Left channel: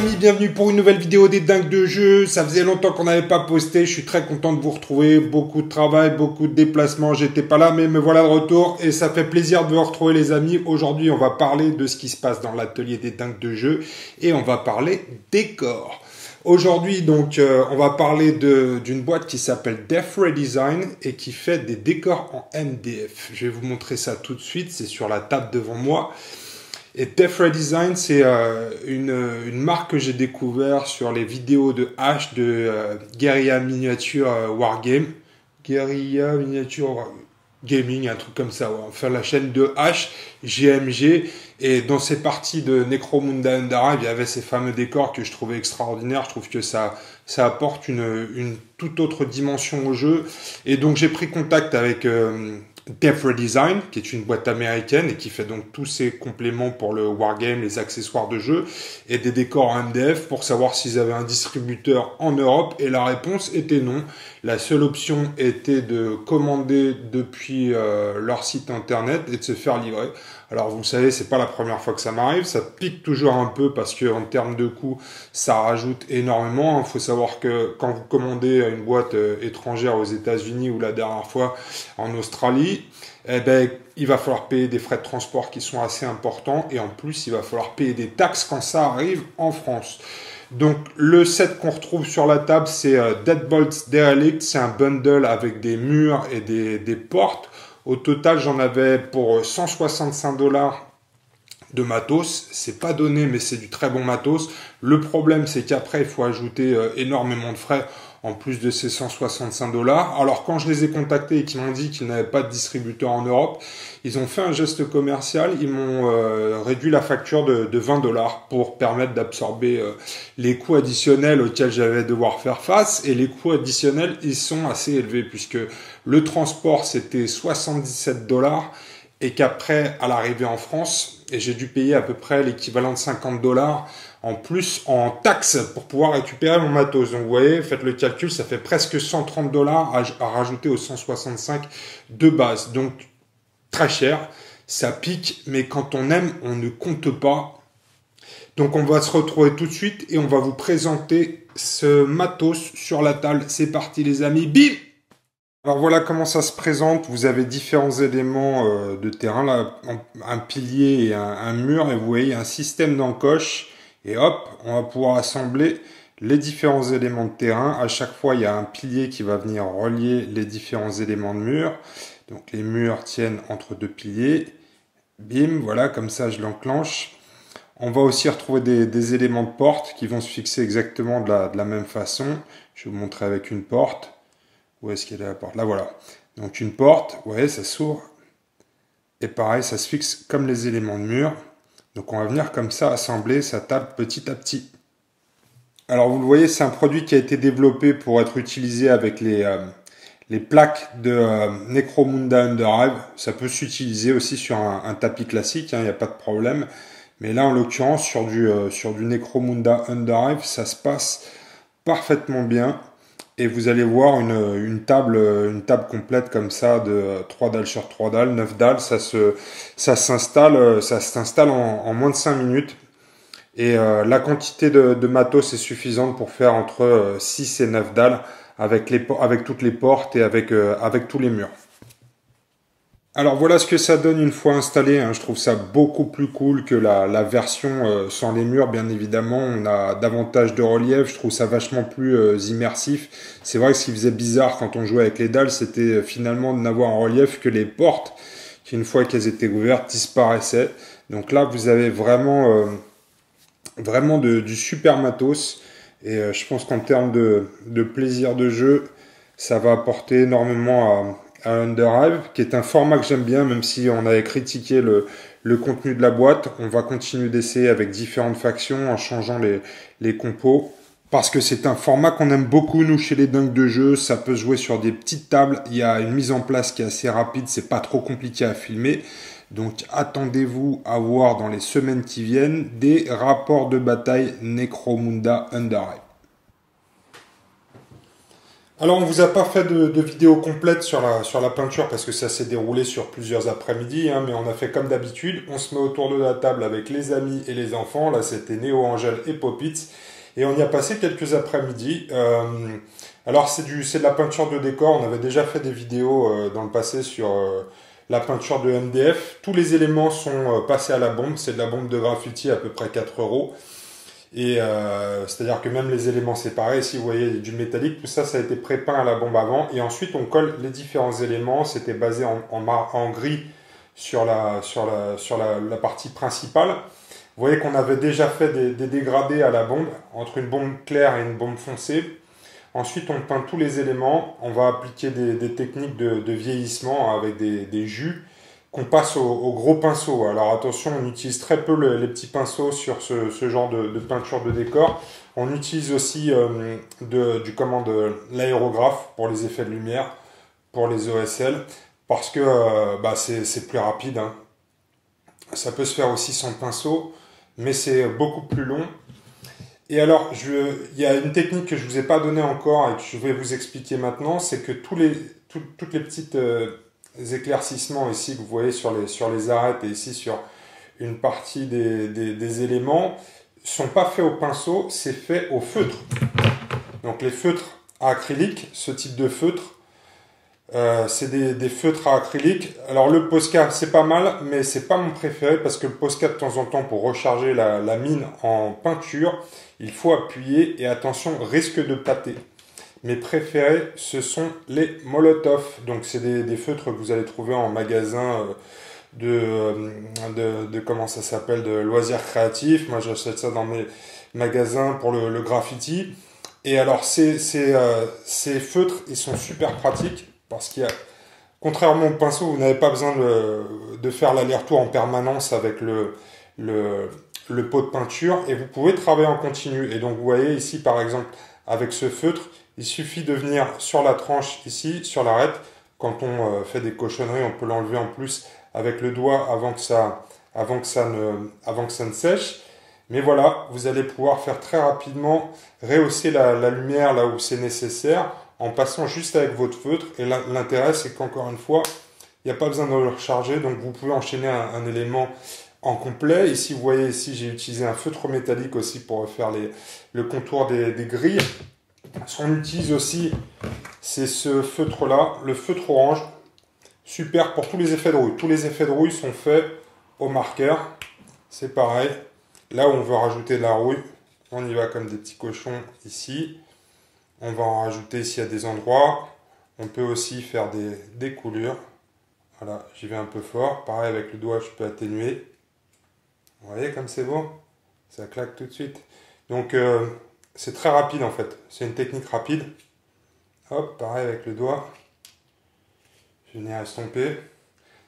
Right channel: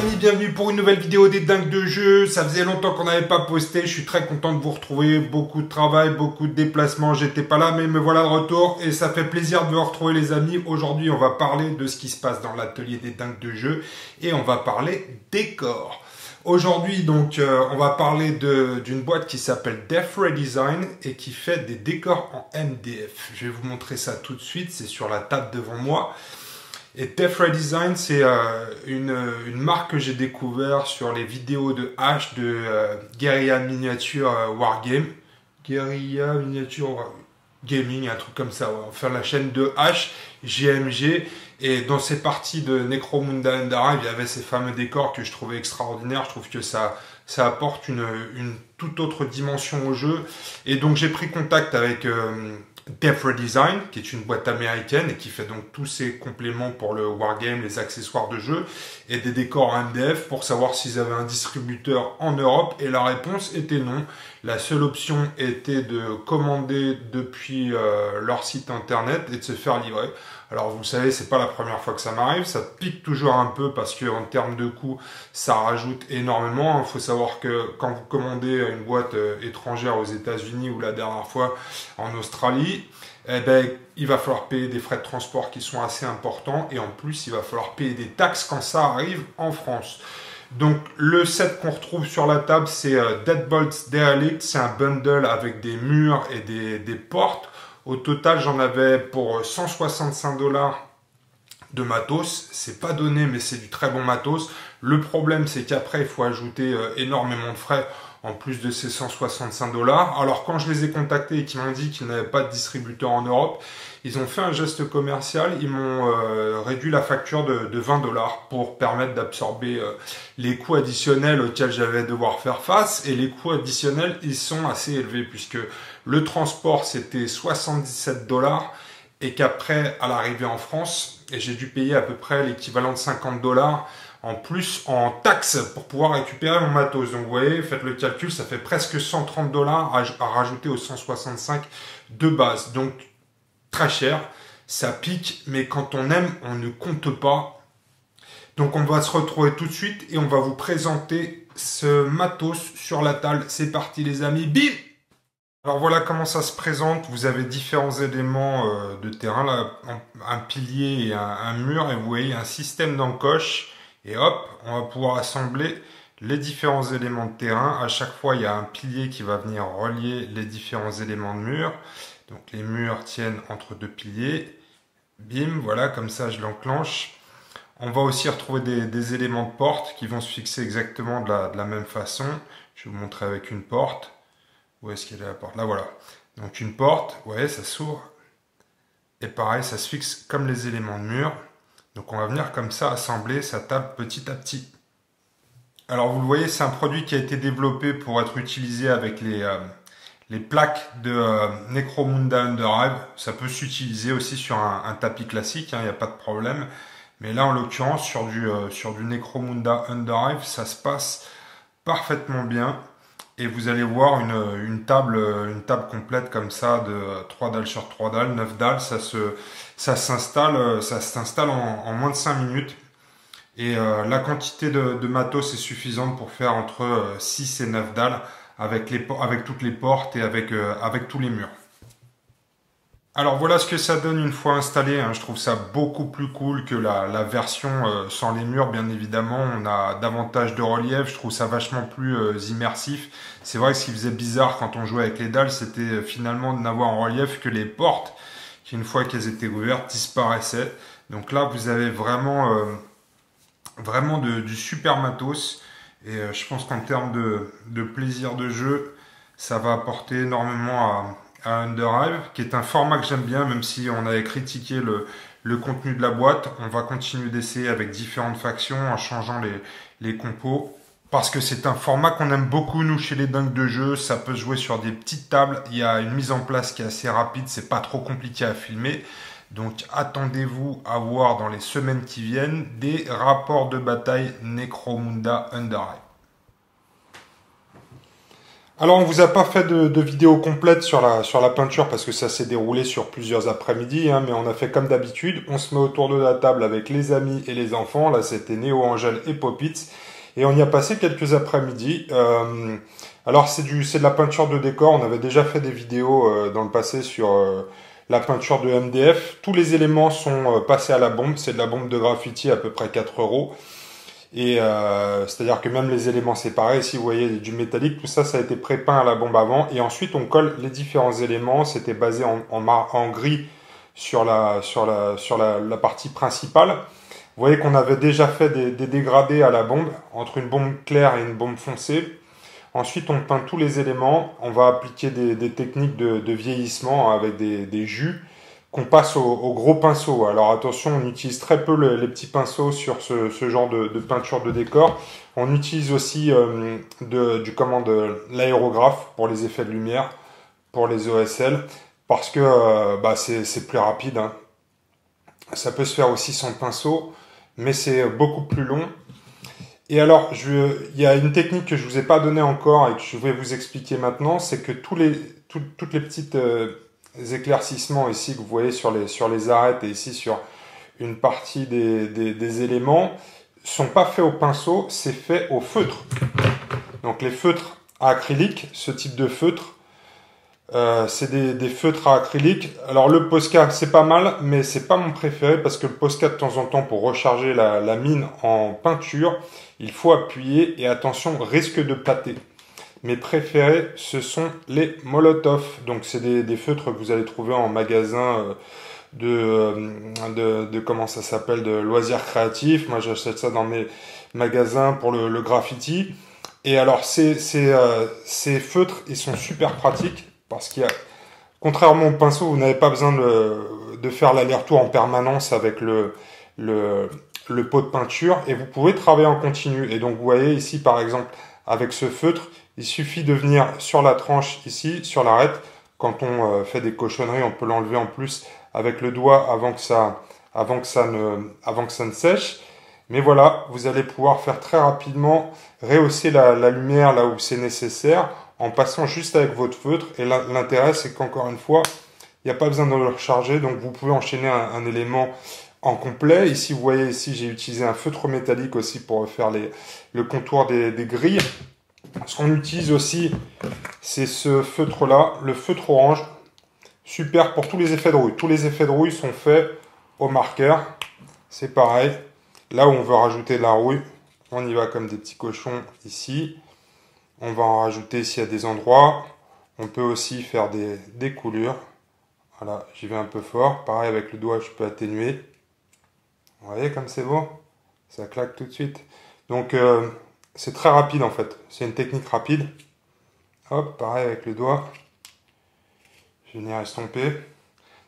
amis, bienvenue pour une nouvelle vidéo des dingues de jeu. Ça faisait longtemps qu'on n'avait pas posté, je suis très content de vous retrouver. Beaucoup de travail, beaucoup de déplacements, j'étais pas là mais me voilà de retour et ça fait plaisir de vous retrouver les amis. Aujourd'hui on va parler de ce qui se passe dans l'atelier des dingues de jeu et on va parler décor. Aujourd'hui donc on va parler d'une boîte qui s'appelle Death Ray Design et qui fait des décors en MDF. Je vais vous montrer ça tout de suite, c'est sur la table devant moi. Et Death Ray Design, c'est une marque que j'ai découvert sur les vidéos de H de Guerrilla Miniature Wargame. Guerrilla Miniature Gaming, un truc comme ça, ouais. Enfin, la chaîne de H, GMG. Et dans ces parties de Necromunda Underhive, il y avait ces fameux décors que je trouvais extraordinaires. Je trouve que ça apporte une toute autre dimension au jeu. Et donc, j'ai pris contact avec Death Ray Design, qui est une boîte américaine et qui fait donc tous ces compléments pour le wargame, les accessoires de jeu et des décors en MDF pour savoir s'ils avaient un distributeur en Europe. Et la réponse était non. La seule option était de commander depuis leur site internet et de se faire livrer. Alors vous le savez, c'est pas la première fois que ça m'arrive, ça pique toujours un peu parce que en termes de coût, ça rajoute énormément. Il faut savoir que quand vous commandez une boîte étrangère aux États-Unis ou la dernière fois en Australie, eh ben il va falloir payer des frais de transport qui sont assez importants et en plus il va falloir payer des taxes quand ça arrive en France. Donc le set qu'on retrouve sur la table, c'est Deadbolts Derelict, c'est un bundle avec des murs et des portes. Au total, j'en avais pour 165 $ de matos. C'est pas donné, mais c'est du très bon matos. Le problème, c'est qu'après, il faut ajouter énormément de frais en plus de ces 165 $. Alors, quand je les ai contactés et qu'ils m'ont dit qu'ils n'avaient pas de distributeur en Europe, ils ont fait un geste commercial. Ils m'ont réduit la facture de 20 $ pour permettre d'absorber les coûts additionnels auxquels j'allais devoir faire face. Et les coûts additionnels, ils sont assez élevés puisque le transport, c'était 77 $ et qu'après, à l'arrivée en France, et j'ai dû payer à peu près l'équivalent de 50 $ en plus en taxes pour pouvoir récupérer mon matos. Donc vous voyez, faites le calcul, ça fait presque 130 $ à rajouter aux 165 de base. Donc très cher, ça pique, mais quand on aime, on ne compte pas. Donc on va se retrouver tout de suite et on va vous présenter ce matos sur la table. C'est parti les amis, bim! Alors voilà comment ça se présente. Vous avez différents éléments de terrain, là, un pilier et un mur, et vous voyez un système d'encoche. Et hop, on va pouvoir assembler les différents éléments de terrain. À chaque fois, il y a un pilier qui va venir relier les différents éléments de mur. Donc les murs tiennent entre deux piliers. Bim, voilà, comme ça je l'enclenche. On va aussi retrouver des éléments de porte qui vont se fixer exactement de la même façon. Je vais vous montrer avec une porte. Où est-ce qu'elle est la porte? Là, voilà. Donc une porte, ouais, ça s'ouvre. Et pareil, ça se fixe comme les éléments de mur. Donc on va venir comme ça assembler sa table petit à petit. Alors vous le voyez, c'est un produit qui a été développé pour être utilisé avec les plaques de Necromunda Underhive. Ça peut s'utiliser aussi sur un tapis classique, il n'y a pas de problème. Mais là, en l'occurrence, sur du Necromunda Underhive, ça se passe parfaitement bien. Et vous allez voir une table complète comme ça de 3 dalles sur 3 dalles, 9 dalles, ça s'installe en moins de 5 minutes. Et la quantité de matos est suffisante pour faire entre 6 et 9 dalles avec toutes les portes et avec tous les murs. Alors voilà ce que ça donne une fois installé, hein. Je trouve ça beaucoup plus cool que la version sans les murs, bien évidemment. On a davantage de relief, je trouve ça vachement plus immersif. C'est vrai que ce qui faisait bizarre quand on jouait avec les dalles, c'était finalement de n'avoir en relief que les portes, qui une fois qu'elles étaient ouvertes, disparaissaient. Donc là, vous avez vraiment du super matos. Et je pense qu'en termes de plaisir de jeu, ça va apporter énormément à Underhive, qui est un format que j'aime bien, même si on avait critiqué le contenu de la boîte. On va continuer d'essayer avec différentes factions en changeant les compos. Parce que c'est un format qu'on aime beaucoup, nous, chez les dingues de jeu. Ça peut se jouer sur des petites tables. Il y a une mise en place qui est assez rapide. C'est pas trop compliqué à filmer. Donc, attendez-vous à voir dans les semaines qui viennent des rapports de bataille Necromunda Underhive. Alors, on vous a pas fait de vidéo complète sur la peinture parce que ça s'est déroulé sur plusieurs après-midi, hein, mais on a fait comme d'habitude. On se met autour de la table avec les amis et les enfants. Là, c'était Néo, Angèle et Popitz. Et on y a passé quelques après-midi. Alors, c'est de la peinture de décor. On avait déjà fait des vidéos dans le passé sur la peinture de MDF. Tous les éléments sont passés à la bombe. C'est de la bombe de graffiti à peu près 4 euros. Et c'est-à-dire que même les éléments séparés, ici vous voyez du métallique, tout ça, ça a été pré-peint à la bombe avant. Et ensuite on colle les différents éléments. C'était basé en gris sur la partie principale. Vous voyez qu'on avait déjà fait des dégradés à la bombe, entre une bombe claire et une bombe foncée. Ensuite on peint tous les éléments. On va appliquer des techniques de vieillissement avec des jus qu'on passe au gros pinceau. Alors attention, on utilise très peu les petits pinceaux sur ce genre de peinture de décor. On utilise aussi l'aérographe pour les effets de lumière, pour les OSL, parce que c'est plus rapide, hein. Ça peut se faire aussi sans pinceau, mais c'est beaucoup plus long. Et alors, il y a une technique que je vous ai pas donnée encore et que je vais vous expliquer maintenant, c'est que toutes les petites éclaircissements ici que vous voyez sur les arêtes et ici sur une partie des éléments sont pas faits au pinceau, c'est fait au feutre. Donc les feutres à acrylique, ce type de feutre, c'est des feutres à acrylique. Alors le Posca c'est pas mal, mais c'est pas mon préféré parce que le Posca de temps en temps pour recharger la mine en peinture, il faut appuyer et attention, risque de pâter. Mes préférés, ce sont les Molotov. Donc, c'est des feutres que vous allez trouver en magasin comment ça s'appelle, de loisirs créatifs. Moi, j'achète ça dans mes magasins pour le graffiti. Et alors, ces feutres, ils sont super pratiques parce qu'il y a, contrairement au pinceau, vous n'avez pas besoin de faire l'aller-retour en permanence avec le pot de peinture et vous pouvez travailler en continu. Et donc, vous voyez ici, par exemple, avec ce feutre, il suffit de venir sur la tranche ici, sur l'arête. Quand on fait des cochonneries, on peut l'enlever en plus avec le doigt avant que ça ne sèche. Mais voilà, vous allez pouvoir faire très rapidement rehausser la lumière là où c'est nécessaire en passant juste avec votre feutre. Et l'intérêt, c'est qu'encore une fois, il n'y a pas besoin de le recharger. Donc vous pouvez enchaîner un élément en complet. Ici, vous voyez, ici, j'ai utilisé un feutre métallique aussi pour faire le contour des grilles. Ce qu'on utilise aussi, c'est ce feutre-là, le feutre orange. Super pour tous les effets de rouille. Tous les effets de rouille sont faits au marqueur. C'est pareil. Là où on veut rajouter de la rouille, on y va comme des petits cochons ici. On va en rajouter s'il y a des endroits. On peut aussi faire des coulures. Voilà, j'y vais un peu fort. Pareil, avec le doigt, je peux atténuer. Vous voyez comme c'est beau? Ça claque tout de suite. Donc, c'est très rapide en fait. C'est une technique rapide. Hop, pareil avec le doigt. Je vais venir estomper.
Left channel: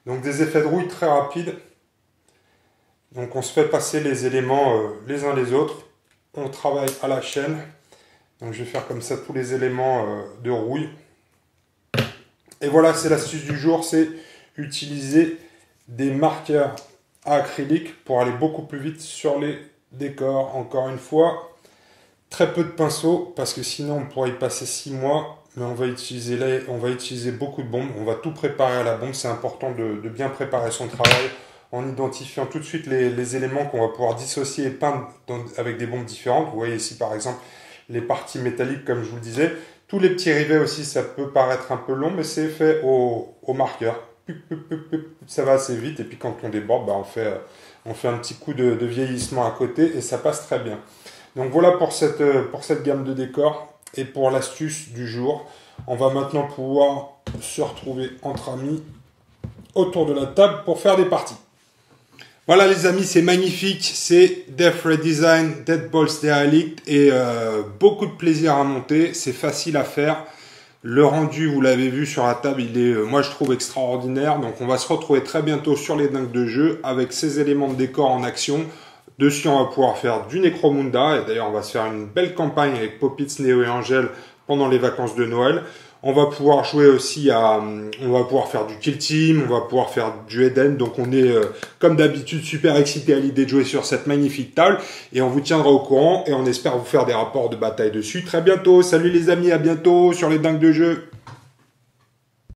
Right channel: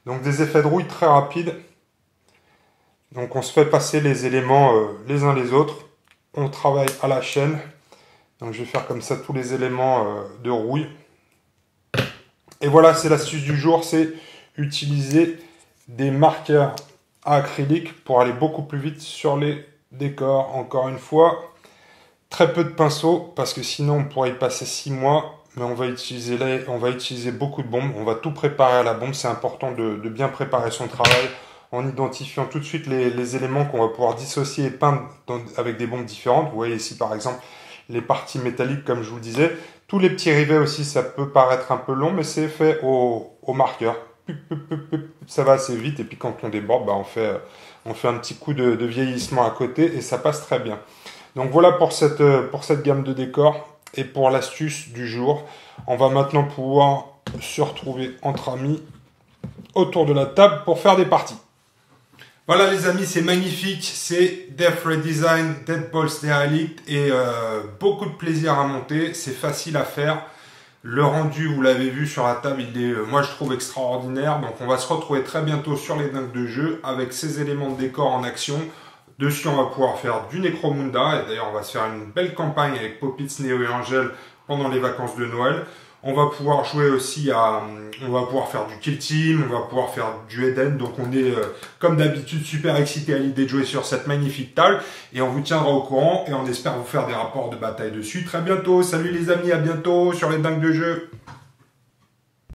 Donc, des effets de rouille très rapides. Donc, on se fait passer les éléments les uns les autres. On travaille à la chaîne. Donc, je vais faire comme ça tous les éléments de rouille. Et voilà, c'est l'astuce du jour. C'est utiliser des marqueurs à acrylique pour aller beaucoup plus vite sur les décors. Encore une fois, très peu de pinceaux parce que sinon on pourrait y passer 6 mois. Mais on va utiliser beaucoup de bombes. On va tout préparer à la bombe. C'est important de bien préparer son travail en identifiant tout de suite les éléments qu'on va pouvoir dissocier et peindre avec des bombes différentes. Vous voyez ici par exemple les parties métalliques comme je vous le disais. Tous les petits rivets aussi, ça peut paraître un peu long, mais c'est fait au marqueur. Ça va assez vite et puis quand on déborde, on fait un petit coup de vieillissement à côté et ça passe très bien. Donc voilà pour cette gamme de décors et pour l'astuce du jour. On va maintenant pouvoir se retrouver entre amis autour de la table pour faire des parties. Voilà les amis, c'est magnifique, c'est Death Ray Design, Dead Balls Derelict et beaucoup de plaisir à monter, c'est facile à faire. Le rendu, vous l'avez vu sur la table, il est, moi je trouve extraordinaire. Donc on va se retrouver très bientôt sur les dingues de jeu avec ces éléments de décor en action. Dessus, on va pouvoir faire du Necromunda. Et d'ailleurs, on va se faire une belle campagne avec Popitz, Néo et Angèle pendant les vacances de Noël. On va pouvoir jouer aussi on va pouvoir faire du kill team, on va pouvoir faire du Eden. Donc on est comme d'habitude super excité à l'idée de jouer sur cette magnifique table et on vous tiendra au courant et on espère vous faire des rapports de bataille dessus très bientôt. Salut les amis, à bientôt sur les dingues de jeu.